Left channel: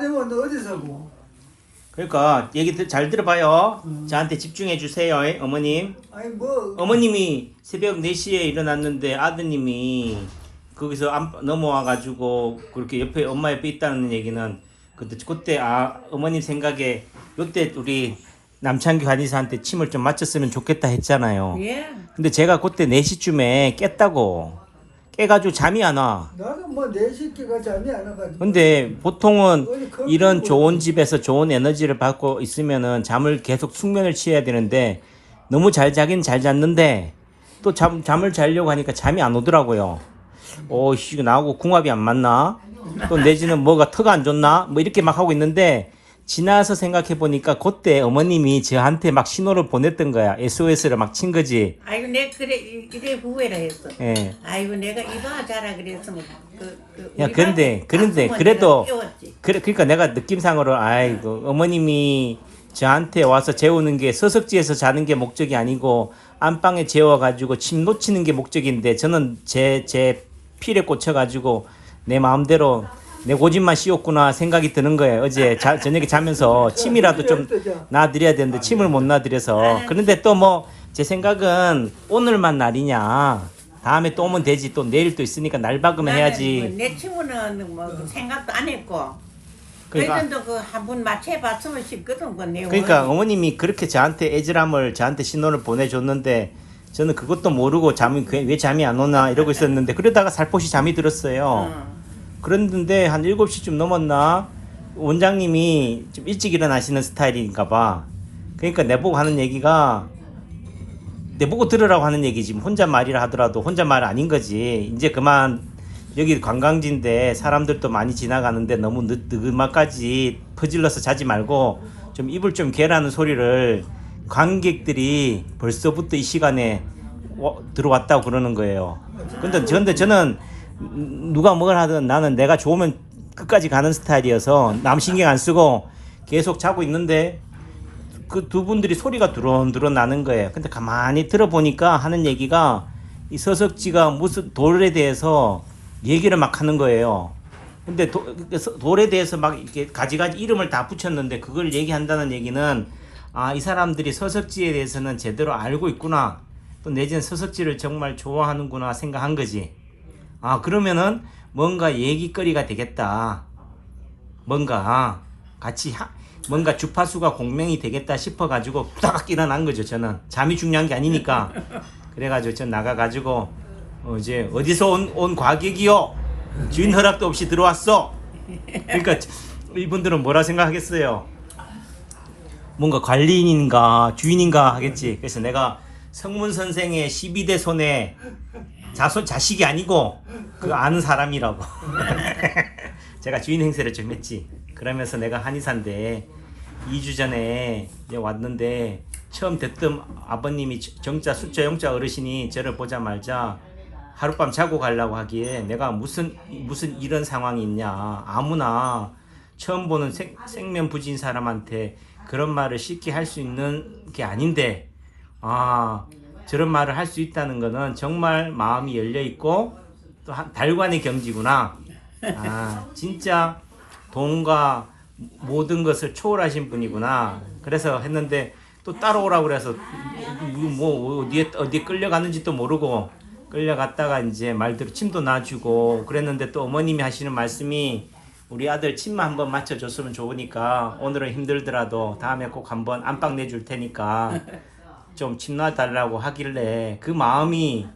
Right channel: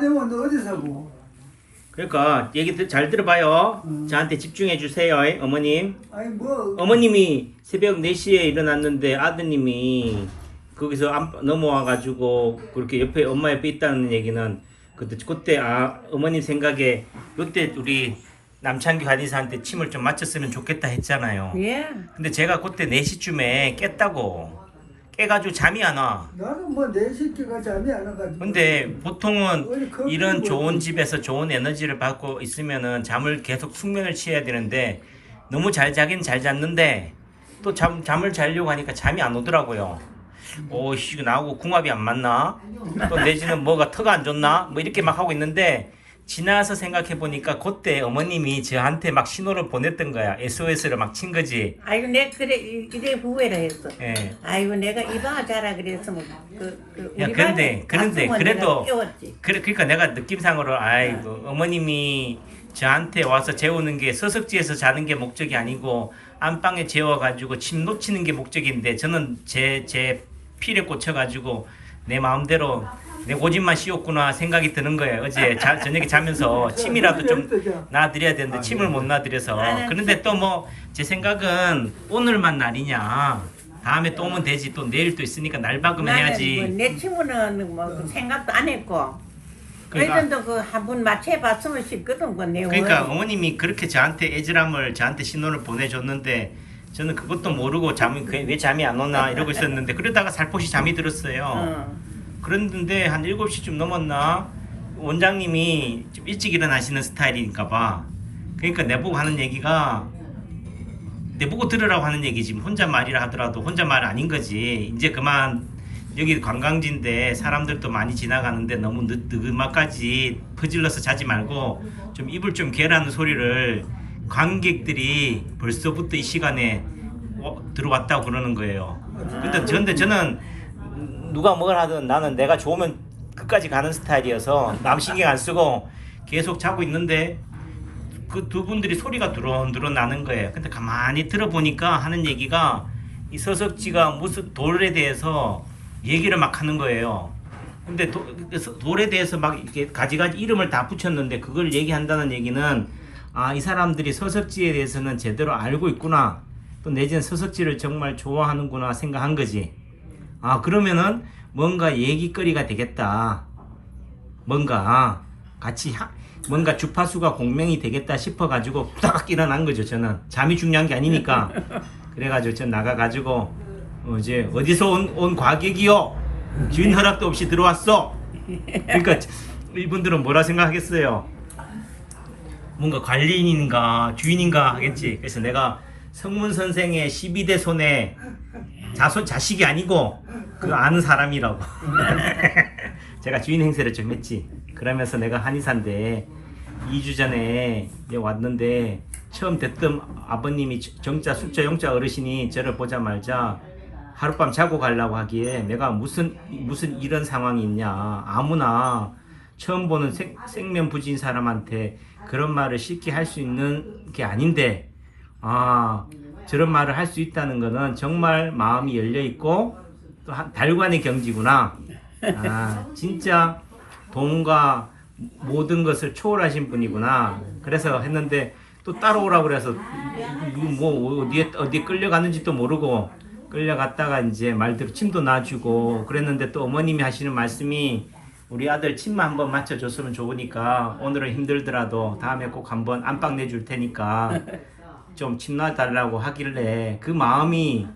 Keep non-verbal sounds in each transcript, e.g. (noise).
아니면 너 어디 사고? 그러니까 얘기 들- 잘 들어봐요. 저한테 집중해 주세요, 어머님. 아니 뭐 어머님이 새벽 4시에 일어났는데 아드님이 거기서 안, 넘어와가지고 그렇게 옆에 엄마 옆에 있다는 얘기는 그때 그때 아 어머님 생각에 그때 우리 남창기 관리사한테 침을 좀 맞췄으면 좋겠다 했잖아요. 예. 근데 제가 그때 4시쯤에 깼다고 깨가지고 잠이 안 와. 나는 뭐 내 새끼가 잠이 안 와가지고. 근데 보통은 커피 이런 먹고 좋은 집에서 좋은 에너지를 받고 있으면은 잠을 계속 숙면을 취해야 되는데 너무 잘 자긴 잘 잤는데 또 잠, 잠을 자려고 하니까 잠이 안 오더라고요. 어, 씨, 이거 나하고 궁합이 안 맞나? 또 내지는 뭐가 터가 안 좋나? 뭐 이렇게 막 하고 있는데 지나서 생각해 보니까 그때 어머님이 저한테 막 신호를 보냈던 거야. SOS를 막 친 거지. 아이고 내 그래 이- 이래 후회라 했어. 예. 아이고 내가 이봐 자라 그랬으면 그, 그 야, 우리 그런데, 그런데, 그래도. 그래, 그러니까 내가 느낌상으로, 아이고, 어머님이 저한테 와서 재우는 게 서석지에서 자는 게 목적이 아니고, 안방에 재워가지고 침 놓치는 게 목적인데, 저는 제, 제 필에 꽂혀가지고, 내 마음대로 내 고집만 씌웠구나 생각이 드는 거예요. 어제 자, 저녁에 자면서 (laughs) 침이라도 좀 놔드려야 되는데, 침을 못 놔드려서. 그런데 또 뭐, 제 생각은 오늘만 날이냐. 다음에 또 오면 되지. 또 내일 또 있으니까 날 박으면 해야지. 뭐내 친구는 뭐그 생각도 안 했고. 그러니까- 그래도 그한 번 맞춰봤으면 싶거든 그내 그러니까 어머님이 그렇게 저한테 애절함을 저한테 신호를 보내줬는데 저는 그것도 모르고 잠이 왜, 왜 잠이 안 오나 이러고 있었는데 그러다가 살포시 잠이 들었어요. 어. 그랬는데 한 7시쯤 넘었나 원장님이 좀 일찍 일어나시는 스타일인가 봐. 그러니까 내보고 하는 얘기가 내보고 들으라고 하는 얘기지 혼자 말이라 하더라도 혼자 말 아닌 거지. 이제 그만 여기 관광지인데 사람들도 많이 지나가는데 너무 늦, 늦음까지 퍼질러서 자지 말고 좀 입을 좀 개라는 소리를 관객들이 벌써부터 이 시간에 와- 들어왔다고 그러는 거예요. 근데 저는 누가 뭘 하든 나는 내가 좋으면 끝까지 가는 스타일이어서 남 신경 안 쓰고 계속 자고 있는데 그 두 분들이 소리가 드론드론 나는 거예요. 근데 가만히 들어보니까 하는 얘기가 이 서석지가 무슨 돌에 대해서 얘기를 막 하는 거예요. 근데 도, 돌에 대해서 막 이렇게 가지가지 이름을 다 붙였는데 그걸 얘기한다는 얘기는 아, 이 사람들이 서석지에 대해서는 제대로 알고 있구나. 또 내지는 서석지를 정말 좋아하는구나 생각한 거지. 아, 그러면은 뭔가 얘기거리가 되겠다. 뭔가 같이 하, 뭔가 주파수가 공명이 되겠다 싶어가지고 후다닥 일어난 거죠 저는. 잠이 중요한 게 아니니까. (laughs) 그래가지고 전 나가가지고 어, 이제 어디서 온, 온 과객이요? 주인 허락도 없이 들어왔어. 그러니까 이분들은 뭐라 생각하겠어요? 뭔가 관리인인가 주인인가 하겠지. 그래서 내가 성문 선생의 12대 손에 자손 자식이 아니고 그 아는 사람이라고. (laughs) 제가 주인 행세를 좀 했지. 그러면서 내가 한의사인데 2주 전에 이제 왔는데 처음 됐던 아버님이 정자 숫자 영자 어르신이 저를 보자마자 하룻밤 자고 가려고 하기에 내가 무슨 무슨 이런 상황이 있냐. 아무나 처음 보는 생, 생면 부진 사람한테 그런 말을 쉽게 할 수 있는 게 아닌데 아 저런 말을 할 수 있다는 거는 정말 마음이 열려 있고 또 한- 달관의 경지구나. 아 진짜 돈과 모든 것을 초월하신 분이구나. 그래서 했는데 또 따라오라고 그래서 뭐 어디에 어디에 끌려가는지도 모르고 끌려갔다가 이제 말대로 침도 놔주고 그랬는데 또 어머님이 하시는 말씀이 우리 아들 침만 한번 맞춰줬으면 좋으니까 오늘은 힘들더라도 다음에 꼭 한번 안방 내줄 테니까 좀침 놔달라고 하길래 그 마음이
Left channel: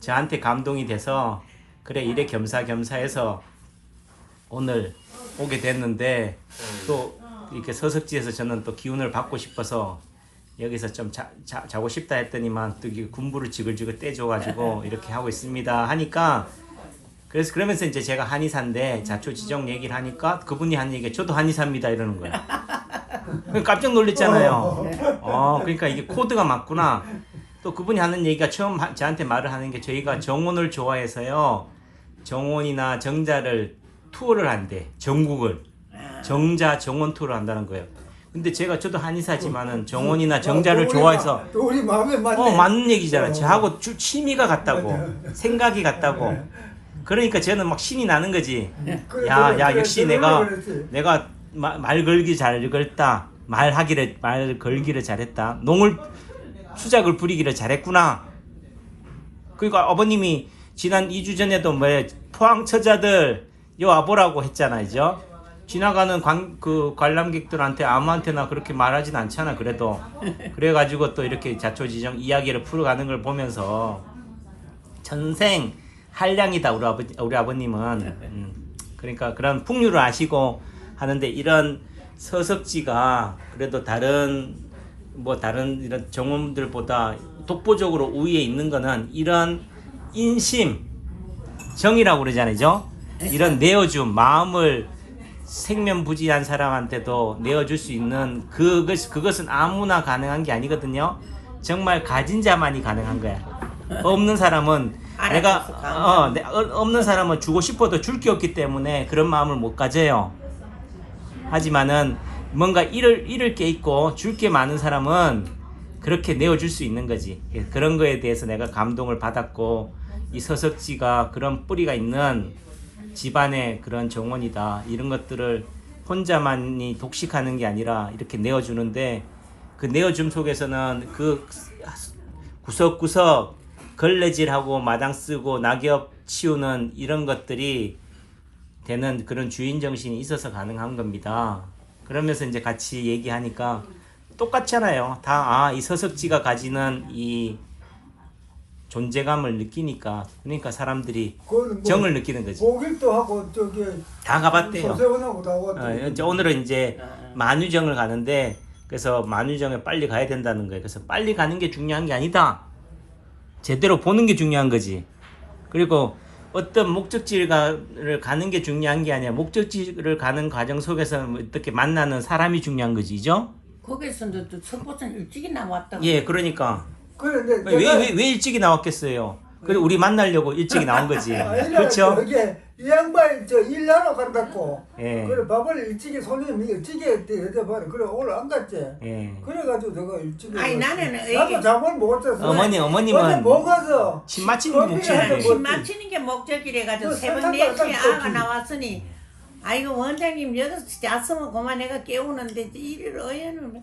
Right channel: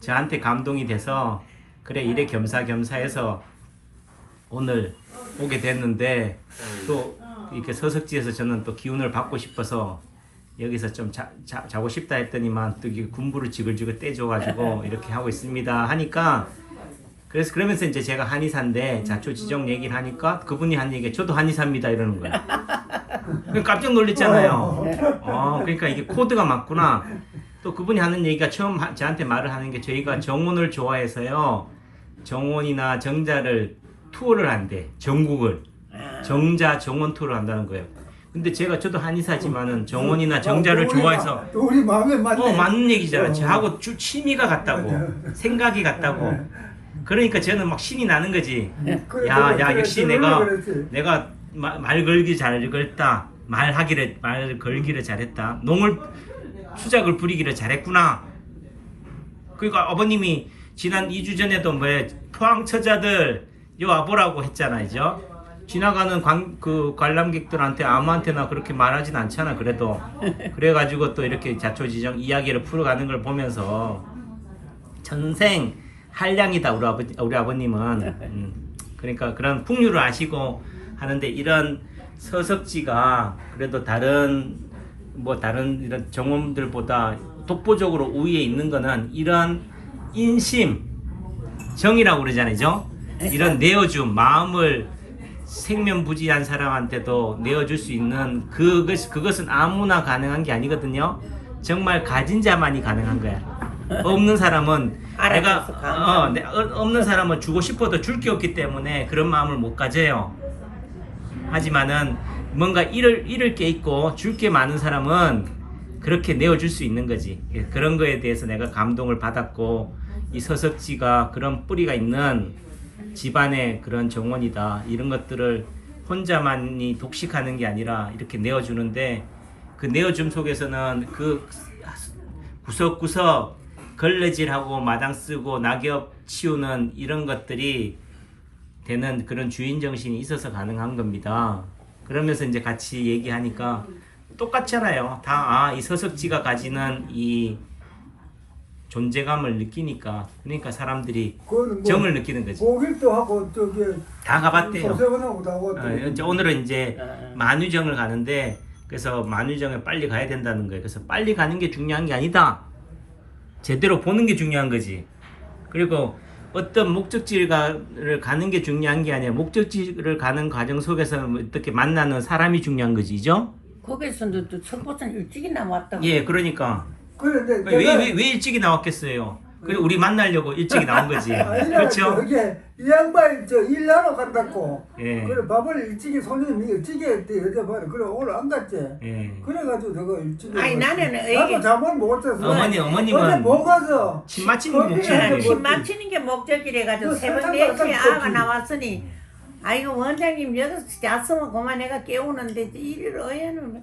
저한테 감동이 돼서 그래 이래 겸사겸사해서 오늘 오게 됐는데 또 이렇게 서석지에서 저는 또 기운을 받고 싶어서 여기서 좀 자, 자, 자고 싶다 했더니만 또 군부를 지글지글 떼줘가지고 이렇게 하고 있습니다 하니까 그래서 그러면서 이제 제가 한의사인데 자초 지정 얘기를 하니까 그분이 한 얘기가 저도 한의사입니다 이러는 거예요. 깜짝 놀랐잖아요. 어, 그러니까 이게 코드가 맞구나. 또 그분이 하는 얘기가 처음 하- 저한테 말을 하는 게 저희가 정원을 좋아해서요. 정원이나 정자를 투어를 한대. 전국을. 정자 정원 투어를 한다는 거예요. 근데 제가 저도 한의사지만은 정원이나 정자를 또 우리 좋아해서 우리 마음에. 어, 맞는 얘기잖아. 어. 저하고 주, 취미가 같다고. 생각이 같다고. 그러니까 저는 막 신이 나는 거지. 그래, 야, 그래, 야, 그래, 역시 그래, 내가. 내가 마- 말 걸기 잘 걸다. 말하기를 말 걸기를 잘했다. 농을 수작을 부리기를 잘했구나. 그리고 아버님이 지난 2주 전에도 뭐 포항 처자들 요 와보라고 했잖아요. 지나가는 관, 그 관람객들한테 아무한테나 그렇게 말하진 않잖아. 그래도 (laughs) 그래가지고 또 이렇게 자초지정 이야기를 풀어가는 걸 보면서 전생 한량이다 우리 아버 우리 아버님은 (laughs) 음, 그러니까 그런 풍류를 아시고 하는데 이런 서석지가 그래도 다른 뭐 다른 이런 정원들보다 독보적으로 우위에 있는 거는 이런 인심 정이라고 그러잖아요. 이런 (laughs) 내어줌 마음을 생면부지한 사람한테도 내어줄 수 있는 그것 그것은 아무나 가능한 게 아니거든요. 정말 가진 자만이 가능한 거야. 없는 사람은 내가 알아줘서 감사합니다. 어, 내- 어, 없는 사람은 주고 싶어도 줄 게 없기 때문에 그런 마음을 못 가져요. 하지만은 뭔가 잃을 잃을 게 있고 줄 게 많은 사람은 그렇게 내어줄 수 있는 거지. 예, 그런 거에 대해서 내가 감동을 받았고 이 서석지가 그런 뿌리가 있는 집안의 그런 정원이다. 이런 것들을 혼자만이 독식하는 게 아니라 이렇게 내어주는데 그 내어줌 속에서는 그 구석구석 걸레질하고 마당 쓰고 낙엽 치우는 이런 것들이 되는 그런 주인 정신이 있어서 가능한 겁니다. 그러면서 이제 같이 얘기하니까 똑같잖아요. 다 아 이 서석지가 가지는 이 존재감을 느끼니까 그러니까 사람들이 그거는 뭐 정을 느끼는 거지. 고길도 하고 저기 다 가봤대요. 어, 이제 오늘은 이제 어. 만유정을 가는데 그래서 만유정에 빨리 가야 된다는 거예요. 그래서 빨리 가는 게 중요한 게 아니다. 제대로 보는 게 중요한 거지. 그리고 어떤 목적지를 가는 게 중요한 게 아니라 목적지를 가는 과정 속에서 뭐 어떻게 만나는 사람이 중요한 거지죠? 거기서도 또 석보선 일찍이 나왔다고. 예, 그러니까 그런데 왜, 내가 왜, 왜 일찍이 나왔겠어요? 그래 우리 만나려고 일찍이 나온 거지. (laughs) 그렇죠? 저게 이 양반이 저 일하러 간다고. 예. 그래 밥을 일찍이 손님이 일찍이 했대 여자봐라. 그래 오늘 안 갔지. 예. 그래가지고 내가 일찍이. 아니. 나는 나도 이게- 잠을 못 잤어. 어머니 어머님은 어제 못 가서. 침 맞히는 게 거기에 목적이에요. 뭐- 침 맞히는 게 목적이래 가지고 그 새벽 설탕도 4시에 안 아가. 나왔으니 아이고 원장님 여기서 잤으면 그만 내가 깨우는데 일을 어여는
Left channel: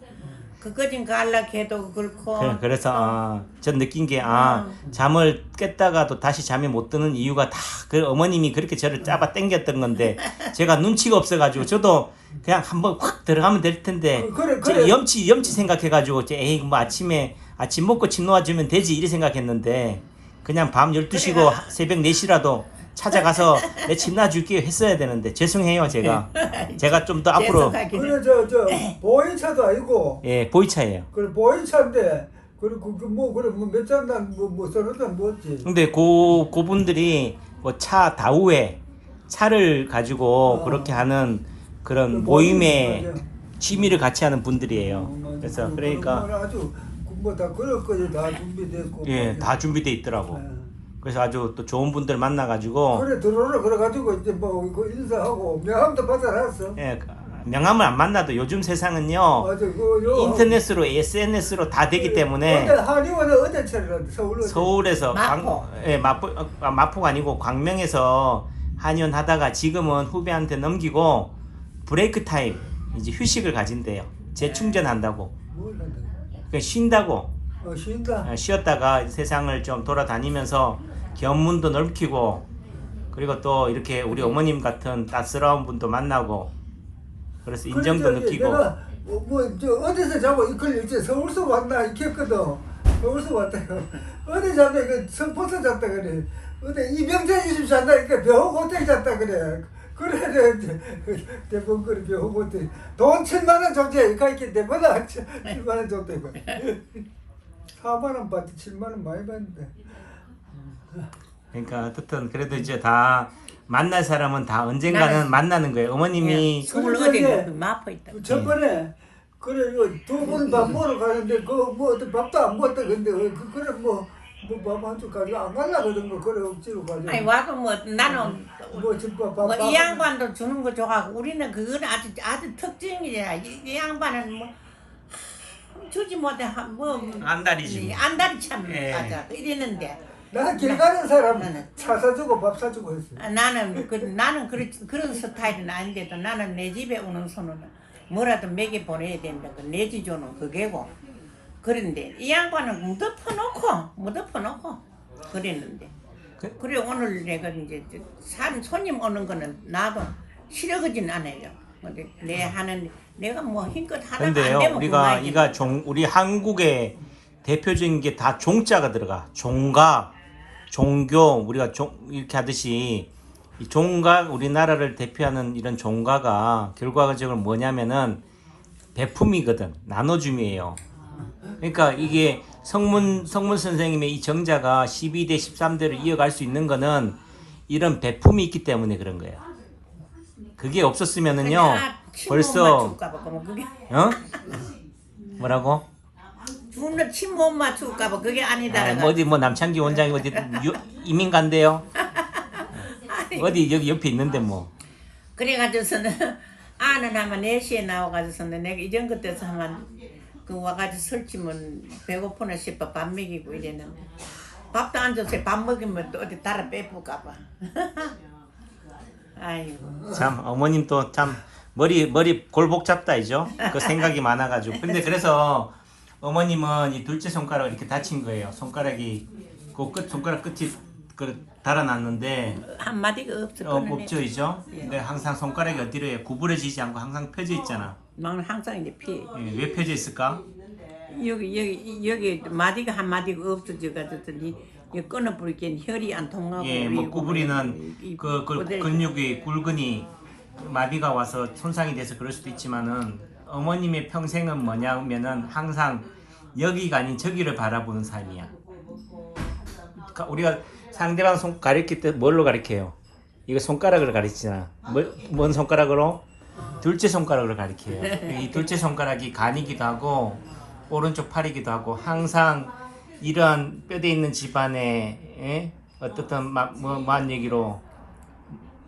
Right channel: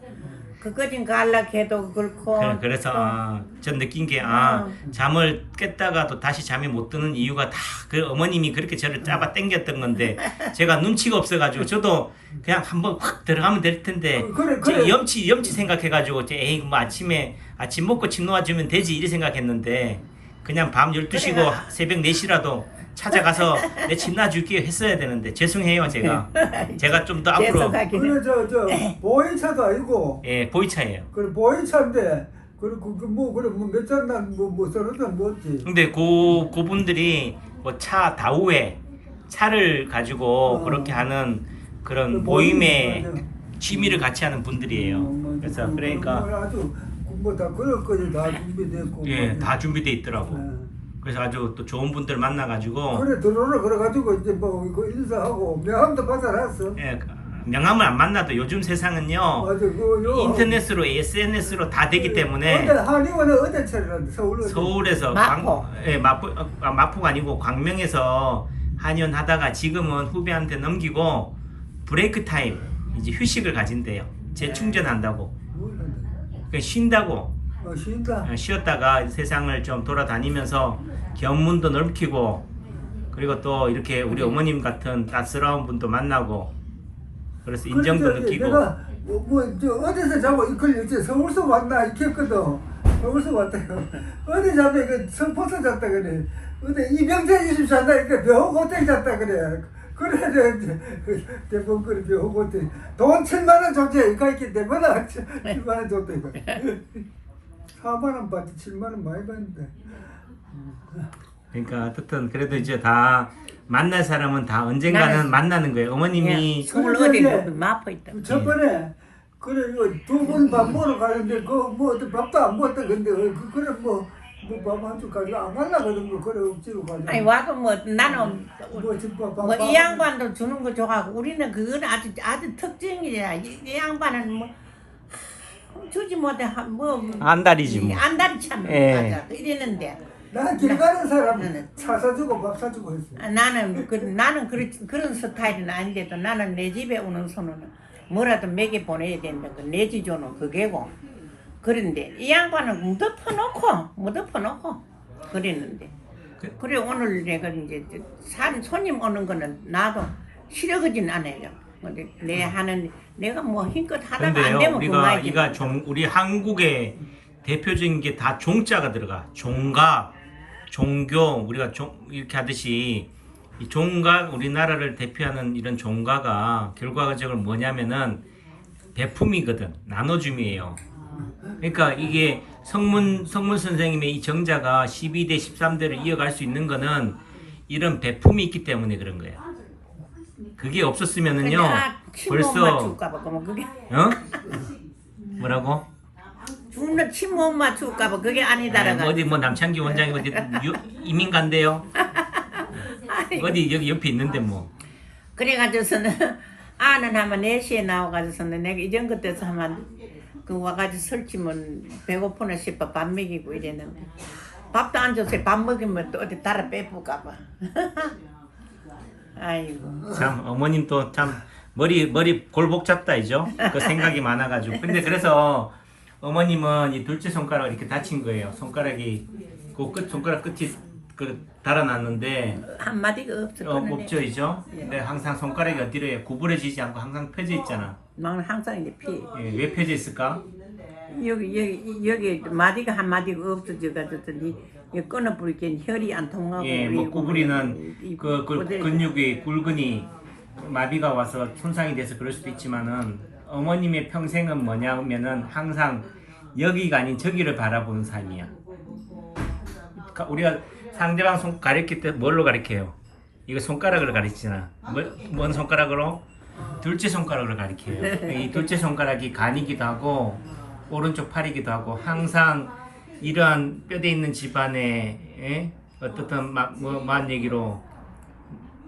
그거진 갈라 해도 그렇고 네, 그래서 아, 전 느낀 게 아, 잠을 깼다가도 다시 잠이 못 드는 이유가 다 그 어머님이 그렇게 저를 짜봐 당겼던 건데 (laughs) 제가 눈치가 없어가지고 저도 그냥 한번 확 들어가면 될 텐데 어, 그래, 저 그래. 염치 염치 생각해가지고 에이 뭐 아침에 아침 먹고 침 놓아주면 되지 이렇게 생각했는데 그냥 밤 12시고 그래가- 새벽 4시라도 찾아가서 내침 놔줄게요 했어야 되는데 죄송해요 제가 (laughs) 제가 좀 더 앞으로 그래 저저 보이차도 아니고. 예 보이차예요 그래 보이차인데. 그리고 그뭐 그래 뭐몇 잔난 뭐뭐 서너 잔 먹지. 근데 고 그분들이 뭐차 다우에 차를 가지고 어. 그렇게 하는 그런 그 모임에 맞아. 취미를 같이 하는 분들이에요. 어, 그래서 그- 그러니까 아주 뭐다 그럴 거지 다 준비됐고. 예, 뭐. 다 준비돼 있더라고. 예. 그래서 아주 또 좋은 분들 만나가지고 그래 들어오라 그래가지고 이제 뭐 이거 인사하고 명함도 받아놨어. 예, 명함을 안 만나도 요즘 세상은요 맞아 그요. 인터넷으로 SNS로 다 되기 때문에 어제 한의원은 어제 서울 어디? 서울에서 마포. 광, 예, 마포 어, 아, 마포가 아니고 광명에서 한의원 하다가 지금은 후배한테 넘기고 브레이크 타임 이제 휴식을 가진대요. 재충전한다고. 뭘? 그러니까 쉰다고 어 쉰다. 어, 쉬었다가 세상을 좀 돌아다니면서 견문도 넓히고 그리고 또 이렇게 우리 어머님 같은 따스러운 분도 만나고 그래서 인정도 그래, 저, 느끼고 내가 뭐저 어디서 자고 이걸 이제 서울서 왔나 이렇게 했거든. 서울서 왔다. (laughs) 어디 잤다 그 성포서 잤다 그래. 어디 이병재 이집 잤다 이렇게 병원 호텔 잤다 그래. 그래 저 이제 (laughs) 대부분 그래 병원 호텔 돈 7만 원 줬지 이거 있기 때문에 7만 원 줬다 이거. (laughs) 4만 원 받지 7만 원 많이 받는데. 그러니까 어쨌든 그래도 이제 다 만날 사람은 다 언젠가는 나는- 만나는 거예요. 어머님이 예, 서울 그래, 어디 그래. 마포 있다. 첫 번에 그래 두분 밥 먹으러 가는데 그뭐 어떤 밥도 안 먹었다 근데 그 그래 뭐뭐밥 한줄 가지고 안 갈라 그런 거 그래 억지로 가지고 아니 와도 뭐 나는 뭐 집밥 밥 뭐 이 양반도 주는 거 좋아하고 우리는 그건 아주 아주 특징이야. 이, 이 양반은 뭐 하, 주지 못해 한- 뭐 안달이지. 안달이 참 예. 맞아 이랬는데 나는 길 가는 사람 나는- 차 사주고 밥 사주고 했어. 아, 나는 그, 나는 그런 그런 스타일은 아닌데도 나는 내 집에 오는 손은 뭐라도 먹여 보내야 된다. 그 내지조는 그게고. 그런데 이 양반은 묻어 퍼 놓고 묻어 퍼 놓고 그랬는데. 그래 오늘 내가 이제 산 손님 오는 거는 나도 싫어하진 않아요. 근데 내 하는 내가 뭐 힘껏 하다가 안 근데요 되면 우리가 그만이지. 이가 종 우리 한국의 대표적인 게 다 종자가 들어가 종각 종교 우리가 종 이렇게 하듯이 이 종각 우리나라를 대표하는 이런 종가가 결과적으로 뭐냐면은 배품이거든 나눠줌이에요 그러니까 이게 성문 성문 선생님의 이 정자가 12대 13대를 이어갈 수 있는 거는 이런 배품이 있기 때문에 그런 거예요 그게 없었으면은요 벌써 벌써 맞출까봐 그러면 그게 어? 뭐라고? 주는 침못 맞출까 봐 그게 아, 아니다라가. 어디 뭐 남창기 원장이 어디 유, 이민 간대요? 어디 여기 옆에 있는데 뭐. 그래가지고서는 아는 하면 4시에 나와가지고서는 내가 이전 그때서 하면 그 와가지고 설치면 배고프나 싶어 밥 먹이고 이랬는데 밥도 안 줘서 밥 먹이면 또 어디 달아 빼볼까 봐 (laughs) 아이고 참 어머님 또 참 머리 머리 골복 잡다 이죠. 그 생각이 많아가지고. 근데 그래서 어머님은 이 둘째 손가락 이렇게 다친 거예요. 손가락이 그 끝 손가락 끝이 그 달아났는데 한 마디가 없어 어, 없죠 이죠. 근데 항상 손가락이 어디로 해 구부러지지 않고 항상 펴져 있잖아. 나는 항상 이제 피 예, 왜 펴져 있을까? 여기 여기 여기 마디가 한 마디가 없어져 가지고 이 끊어 버리기엔 혈이 안 통하고 예, 뭐 이- 구부리는 그, 그 근육이 굵으니 마비가 와서 손상이 돼서 그럴 수도 있지만은 어머님의 평생은 뭐냐면은 항상 여기가 아닌 저기를 바라보는 삶이야. 가- 우리가 상대방 손 가리킬 때 뭘로 가리켜요? 이거 손가락을 가리키잖아. 뭐, 뭔 손가락으로? 둘째 손가락으로 가리켜요. 이 둘째 손가락이 간이기도 하고 오른쪽 팔이기도 하고 항상 이러한 뼈대 있는 집안에 예? 어떻든 막 뭐한 얘기로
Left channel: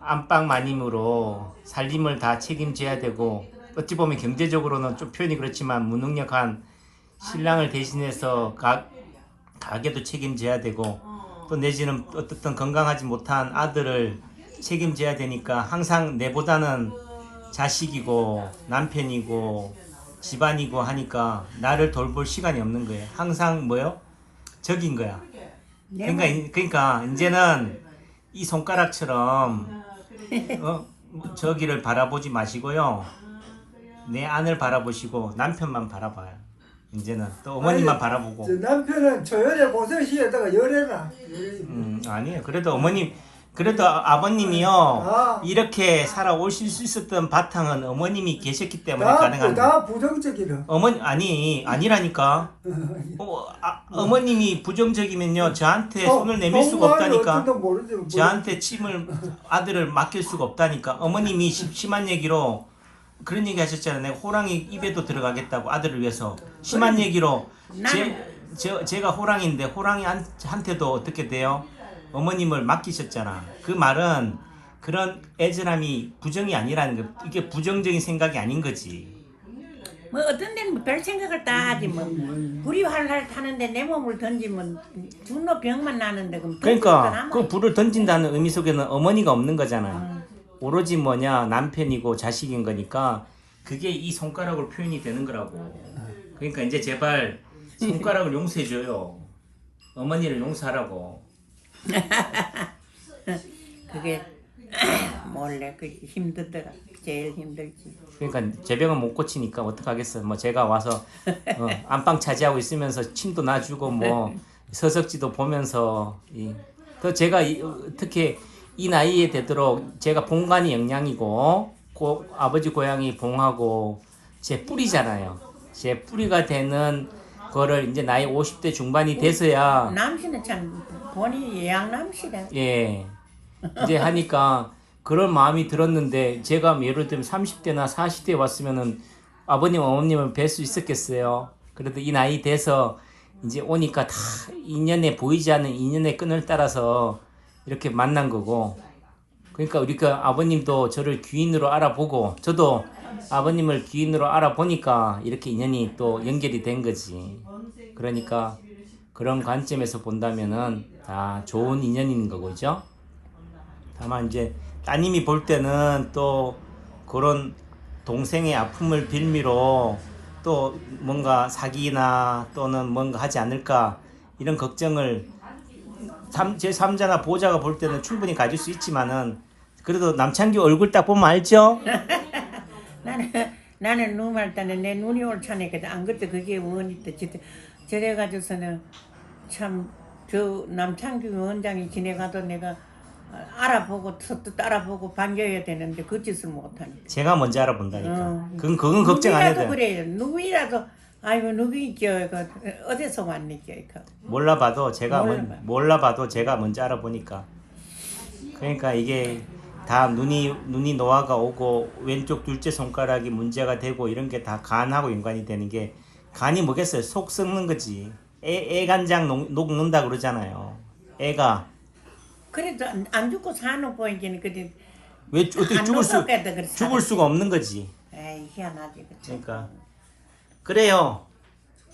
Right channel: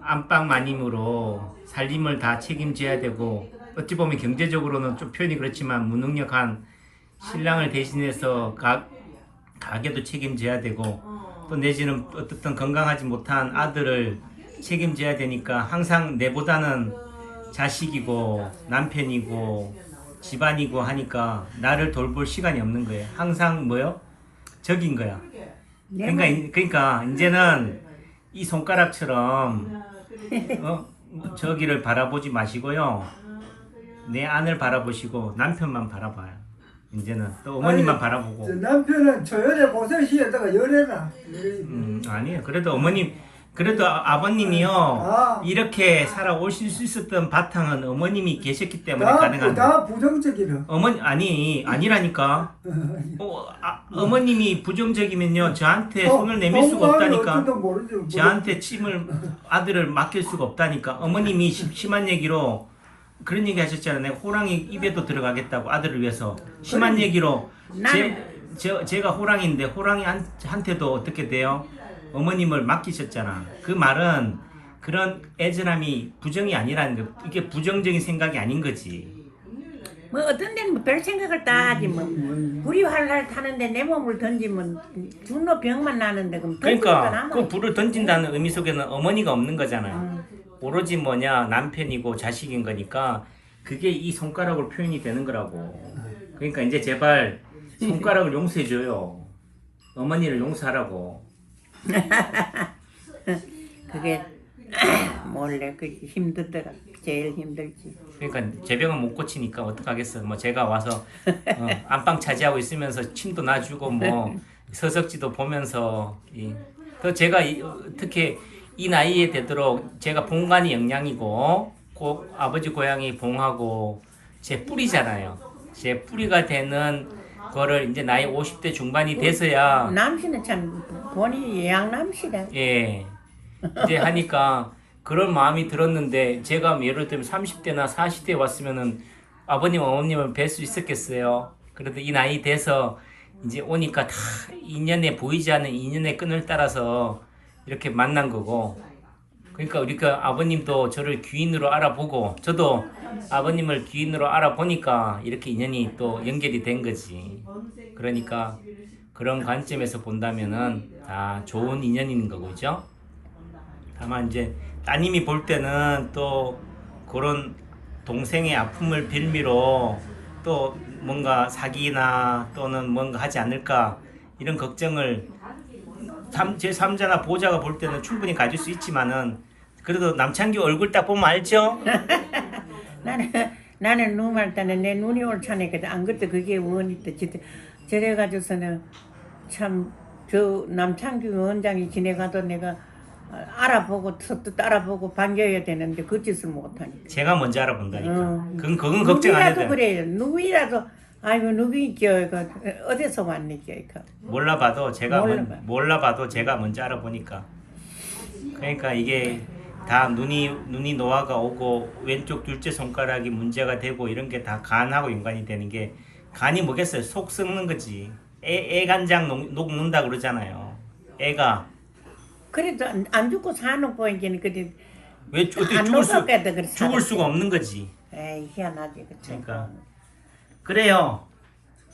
안방 마님으로 살림을 다 책임져야 되고 어찌 보면 경제적으로는 좀 표현이 그렇지만 무능력한 신랑을 대신해서 가, 가게도 책임져야 되고 또 내지는 어떻든 건강하지 못한 아들을 책임져야 되니까 항상 내보다는 자식이고 남편이고 집안이고 하니까 나를 돌볼 시간이 없는 거예요. 항상 뭐요? 적인 거야. 그러니까 이- 그러니까 이제는 이 손가락처럼 어, 저기를 바라보지 마시고요. 내 안을 바라보시고 남편만 바라봐요. 이제는 또 어머님만 아니, 바라보고. 저 남편은 조연의 고설시에다가 열해라. 음, 아니에요. 그래도 어머님, 그래도 아- 아버님이요. 아. 이렇게 살아오실 수 있었던 바탕은 어머님이 계셨기 때문에 다, 가능한 거예요. 다 부정적이라. 어머니 아니 아니라니까. (laughs) 어, 아, 어머님이 부정적이면요 저한테 손을 내밀 수가 없다니까. 모르지. 뭐. 저한테 침을 아들을 맡길 수가 없다니까. 어머님이 심- 심한 얘기로 그런 얘기 하셨잖아요. 내가 호랑이 입에도 들어가겠다고 아들을 위해서 심한 얘기로 제, 나는- 저, 제가 호랑이인데 호랑이한테도 어떻게 돼요? 어머님을 맡기셨잖아. 그 말은 그런 애절함이 부정이 아니라는 거. 이게 부정적인 생각이 아닌 거지. 뭐 어떤 데는 뭐별 생각을 다 하지 뭐 불이 활활 타는데 내 몸을 던지면 준노 병만 나는데 그럼 던지니까 그러니까 그 불을 던진다는 의미 속에는 어머니가 없는 거잖아요. 오로지 뭐냐 남편이고 자식인 거니까 그게 이 손가락으로 표현이 되는 거라고. 그러니까 이제 제발 손가락을 용서해 줘요. 어머니를 용서하라고. (laughs) 그게 (clears throat) 몰래 그 힘들더라 제일 힘들지 그러니까 제 병은 못 고치니까 어떡하겠어. 뭐 제가 와서 어, (laughs) 안방 차지하고 있으면서 침도 놔주고 뭐 (laughs) 서석지도 보면서 이, 또 제가 이, 어, 특히 이 나이에 되도록 제가 본관이 영양이고 고, 아버지 고향이 봉하고 제 뿌리잖아요. 제 뿌리가 되는 거를 이제 나이 50대 중반이 돼서야 남씨는 참 본이 예양남씨래 예. 이제 하니까 그런 마음이 들었는데 제가 뭐 예를 들면 30대나 40대에 왔으면은 아버님 어머님을 뵐 수 있었겠어요. 그래도 이 나이 돼서 이제 오니까 다 인연에 보이지 않는 인연의 끈을 따라서 이렇게 만난 거고. 그러니까 우리가 아버님도 저를 귀인으로 알아보고 저도 아버님을 귀인으로 알아보니까 이렇게 인연이 또 연결이 된 거지. 그러니까 그런 관점에서 본다면은 다 좋은 인연인 거죠. 다만 이제 따님이 볼 때는 또 그런 동생의 아픔을 빌미로 또 뭔가 사기나 또는 뭔가 하지 않을까 이런 걱정을 삼- 제 3자나 보호자가 볼 때는 충분히 가질 수 있지만은 그래도 남창규 얼굴 딱 보면 알죠? (laughs) 나는 나는 눈말 때는 내 눈이 옳잖아거든 안 그때 그게 원이다 진짜 저래 가지고서는 참 저 남창규 원장이 지내가도 내가 알아보고 서또 따라보고 반겨야 되는데 그 짓을 못하니까 제가 먼저 알아본다니까. 어. 그건 그건 걱정 안 해도 누구라도 돼. 그래요 누구라도 아이고 누구있죠 이거? 어디서 왔니죠 이거? 몰라봐도 제가 먼- 몰라봐요. 몰라봐도 제가 먼저 알아보니까. 그러니까 이게 다 눈이 눈이 노화가 오고 왼쪽 둘째 손가락이 문제가 되고 이런 게 다 간하고 연관이 되는 게 간이 뭐겠어요? 속 썩는 거지. 애, 애 간장 녹, 녹는다 그러잖아요. 애가. 그래도 안, 안 죽고 사는 보이기는 그래. 왜 어떻게 안 죽을 수 녹았겠다 그래 죽을 수가 없는 거지. 에이 희한하지 그쵸. 그러니까 그래요.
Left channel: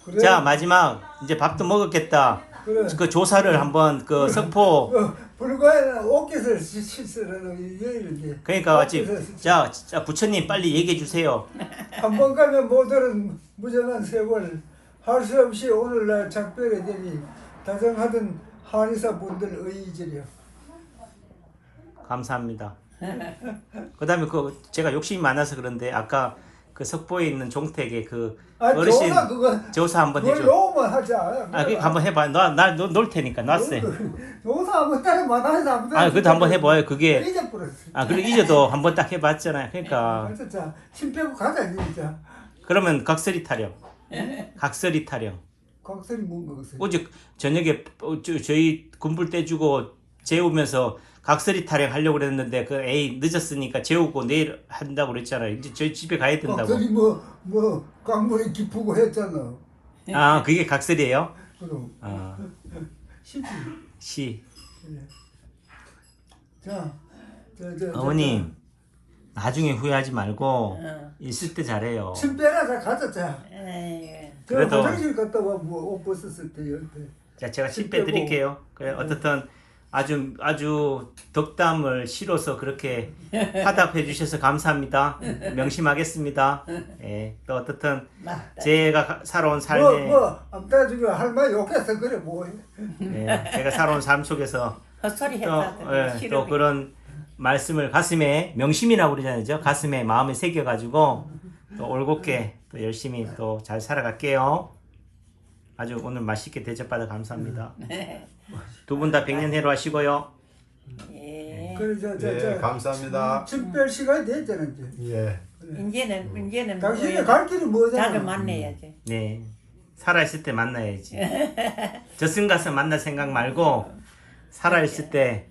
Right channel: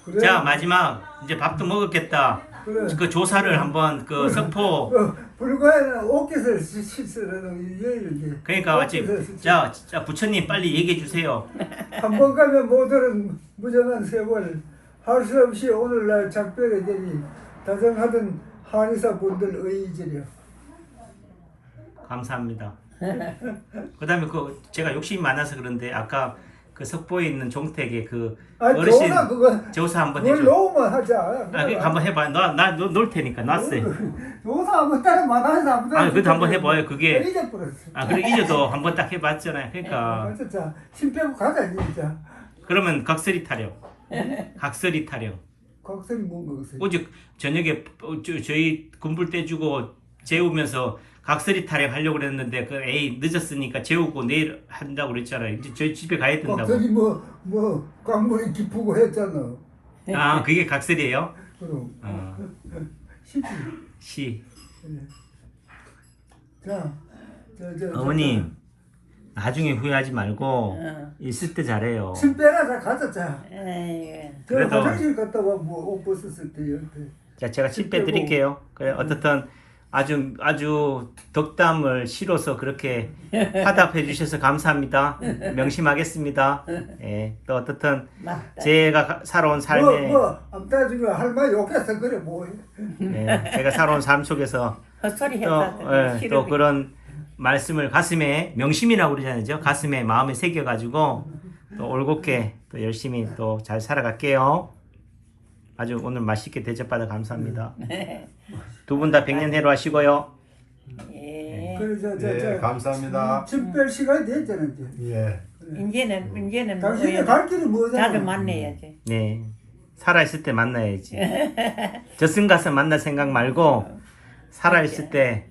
그래. 자 마지막. 이제 밥도 먹었겠다. 그래. 그 조사를 한번 그 석포. 어, 불과해 옷깃을 실수라도 이게 그러니까 마치 자, 자 부처님 빨리 얘기해 주세요. (laughs) 한 번 가면 모두는 무정한 세월 할 수 없이 오늘날 작별이 되니 다정하던 한의사 분들 의지려 감사합니다. (laughs) 그 다음에 그 제가 욕심이 많아서 그런데 아까 그 석포에 있는 종택에 그아 어르신 조사 그거 조사 한번 해줘. 놓으면 하자 아, 그 한번 해봐. 나나놓을 테니까 놨어요. 조사 한번 만나서 한번 아, 그것도 한번 해봐요. 그게 잊어버렸어 아 그리고 잊어도 한번 딱 해봤잖아요. 그러니까 진짜 침 빼고 가자 진짜 그러면 각설이 타령, 각설이 타령. 각설이 뭔가 그세 오직 저녁에 어, 저, 저희 군불 떼주고 재우면서 각설이 타령 하려고 그랬는데 그 에이 늦었으니까 재우고 내일 한다고 그랬잖아요. 이제 저희 집에 가야 된다고. 각설이 뭐뭐 강물이 깊고 했잖아 아 그게 각설이에요? 그럼 아, (laughs) 쉽지 시 자, 저, 저, 저, 어머님 나중에 후회하지 말고 응. 있을 때 잘해요. 침 빼라, 자, 가자, 자. 에이 저 그래도- 화장실 갔다 와, 뭐, 옷 벗었을 때, 옆에. 자 제가 침칩 빼드릴게요. 음. 그래 어떻든 아주 아주 덕담을 실어서 그렇게 화답해 주셔서 감사합니다. 명심하겠습니다. 예, 또 어떻든 제가 가- 살아온 뭐, 삶에 뭐, 아무튼 중에 할머니 욕해서 그래, 뭐. 예, 제가 살아온 삶 속에서 헛소리 또, 했다 예, 또 그런 말씀을 가슴에 명심이라고 그러잖아요. 가슴에 마음에 새겨가지고 또 올곧게 또 열심히 또 잘 살아갈게요. 아주 오늘 맛있게 대접받아 감사합니다. 두 분 다 백년해로 하시고요. 예. 그래, 저, 저, 네, 저. 감사합니다. 침뺄 시간이 됐잖아, 이제. 예. 이제는 이제는 당신이 뭐야, 갈 길이 뭐잖아. 자주 만나야지 네. 살아있을 때 만나야지. (laughs) 저승 가서 만날 생각 말고 살아있을 때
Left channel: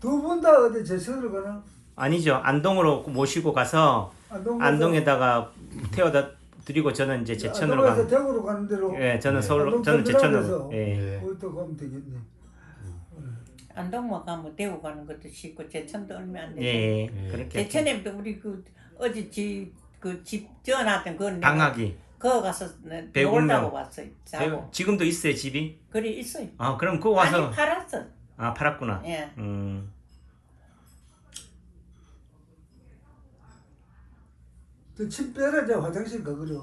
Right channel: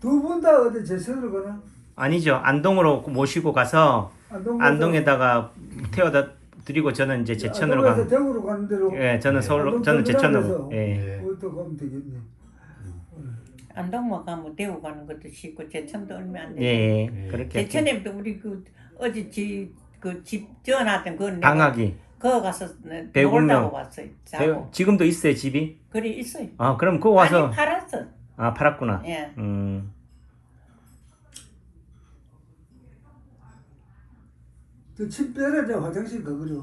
두 분 다 어디 제천으로 가나? 아니죠. 안동으로 모시고 가서 안동 안동에다가 태워다 드리고 저는 이제 제천으로 안동에서 가. 대구로 가는 대로. 예, 저는 서울로 안동 저는 제천으로. 예. 네. 어디서 가면 되겠네. 안동만 가면 대구 가는 것도 쉽고 제천도 얼마 안 돼. 예. 그렇게 제천에도 우리 그 어제 집그집 지어놨던 그 내가 방학이 그거 가서 배구명. 놀다고 왔어요. 자고. 지금도 있어요, 집이? 그래 있어요. 아, 그럼 그거 와서 아니 팔았어. 아, 팔았구나. 예. 음. 저침 빼라, 저 화장실 가, 그래.